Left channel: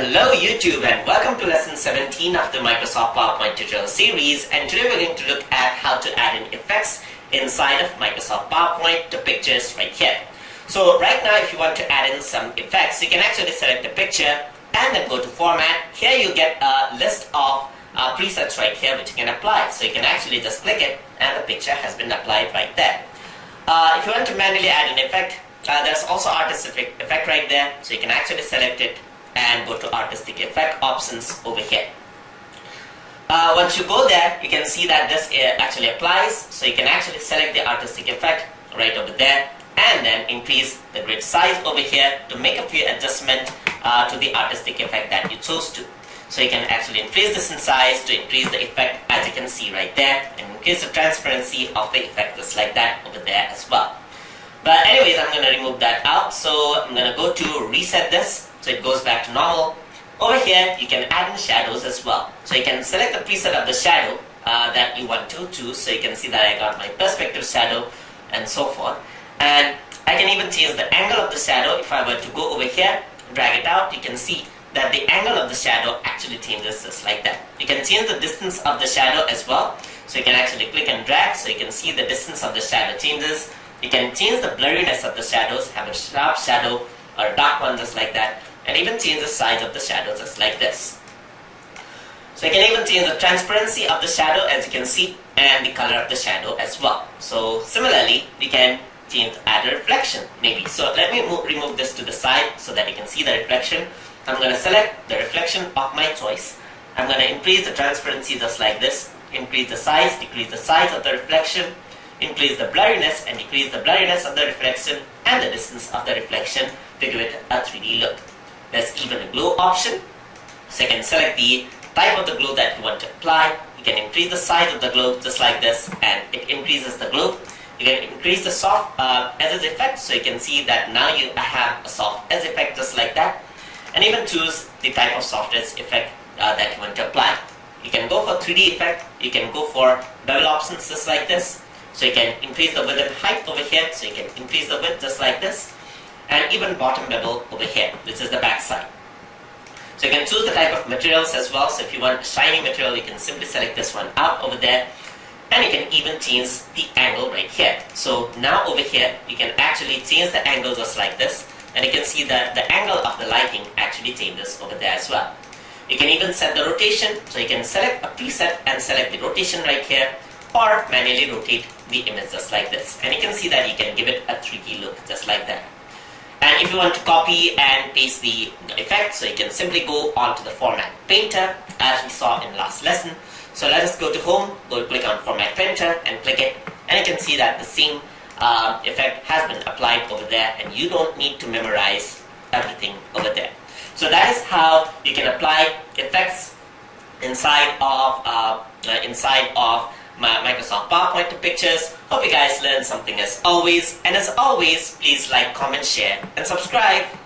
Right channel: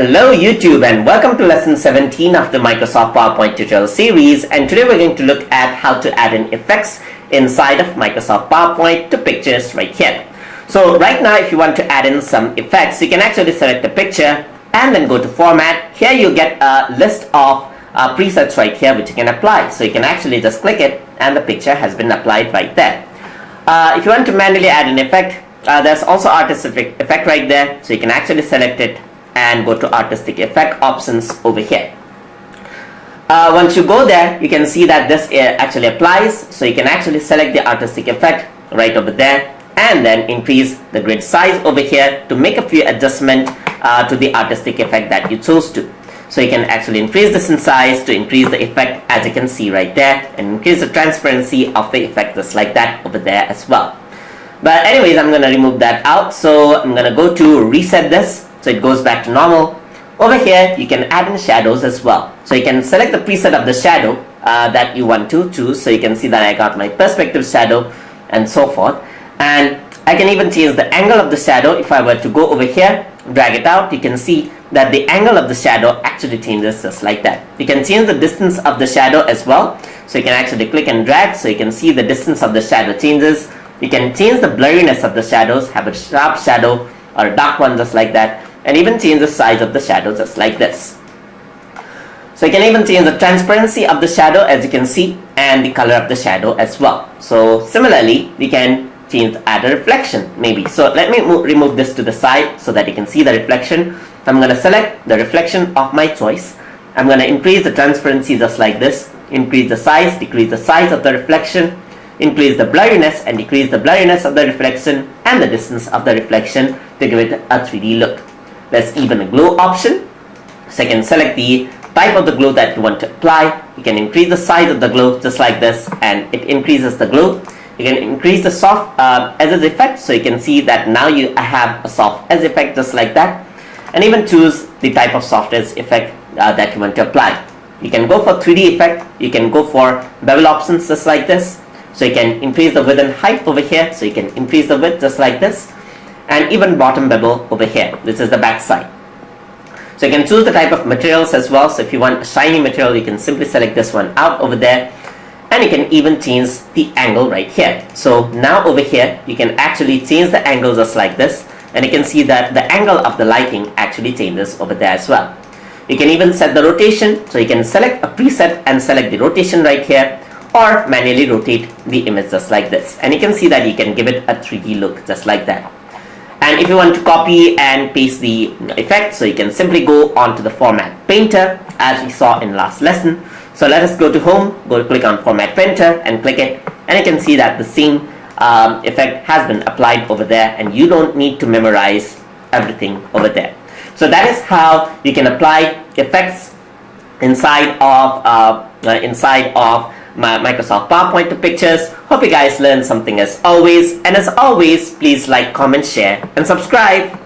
Hello YouTube and welcome to lesson 17 of the Microsoft PowerPoint tutorial series, and today we're going to look at how to add in effects inside of Microsoft PowerPoint to pictures right here. So right now if you want to add in some effects, you can actually select the picture and then go to format. Here you get a list of presets right here which you can apply. So you can actually just click it and the picture has been applied right there. If you want to manually add an effect, there's also artistic effect right there, so you can actually select it and go to artistic effect options over here. Once you go there, you can see that this actually applies, so you can actually select the artistic effect right over there and then increase the grid size over here to make a few adjustments to the artistic effect that you chose to. So you can actually increase this in size to increase the effect, as you can see right there, and increase the transparency of the effect just like that over there as well. But anyways, I'm going to remove that out, so I'm going to go to reset this so it goes back to normal. Over here you can add in shadows as well, so you can select the preset of the shadow that you want to choose. So you can see that I got my perspective shadow and so forth, and I can even change the angle of the shadow. If I were to go over here, drag it out, you can see that the angle of the shadow actually changes just like that. You can change the distance of the shadow as well, so you can actually click and drag so you can see the distance of the shadow changes. You can change the blurriness of the shadows, have a sharp shadow or a dark one just like that, and even change the size of the shadow just like this. So you can even change the transparency of the shadow, as you can see, and the color of the shadow as well. So similarly, we can change, add a reflection maybe. So let me remove this to the side so that you can see the reflection. I'm going to select the reflection of my choice. I'm going to increase the transparency just like this, increase the size, decrease the size of the reflection, increase the blurriness and decrease the blurriness of the reflection, and the distance of the reflection to give it a 3D look. There's even a glow option, so you can select the type of the glow that you want to apply. You can increase the size of the glow just like this, and it increases the glow. You can increase the soft edges effect, so you can see that now you have a soft edge effect just like that, and even choose the type of soft edge effect that you want to apply. You can go for 3D effect, you can go for bevel options just like this, so you can increase the width and height over here, so you can increase the width just like this, and even bottom bevel over here. This is the back side. So you can choose the type of materials as well. So if you want a shiny material, you can simply select this one out over there, and you can even change the angle right here. So now over here you can actually change the angle just like this, and you can see that the angle of the lighting actually changes over there as well. You can even set the rotation, so you can select a preset and select the rotation right here, or manually rotate the image just like this, and you can see that you can give it a 3D look just like that. And if you want to copy and paste the effect, so you can simply go onto the format painter as we saw in last lesson. So let us go to home, go click on format painter and click it, and you can see that the same effect has been applied over there, and you don't need to memorize everything over there. So that is how you can apply effects inside of Microsoft PowerPoint to pictures. Hope you guys learned something as always, and as always, please like, comment, share and subscribe.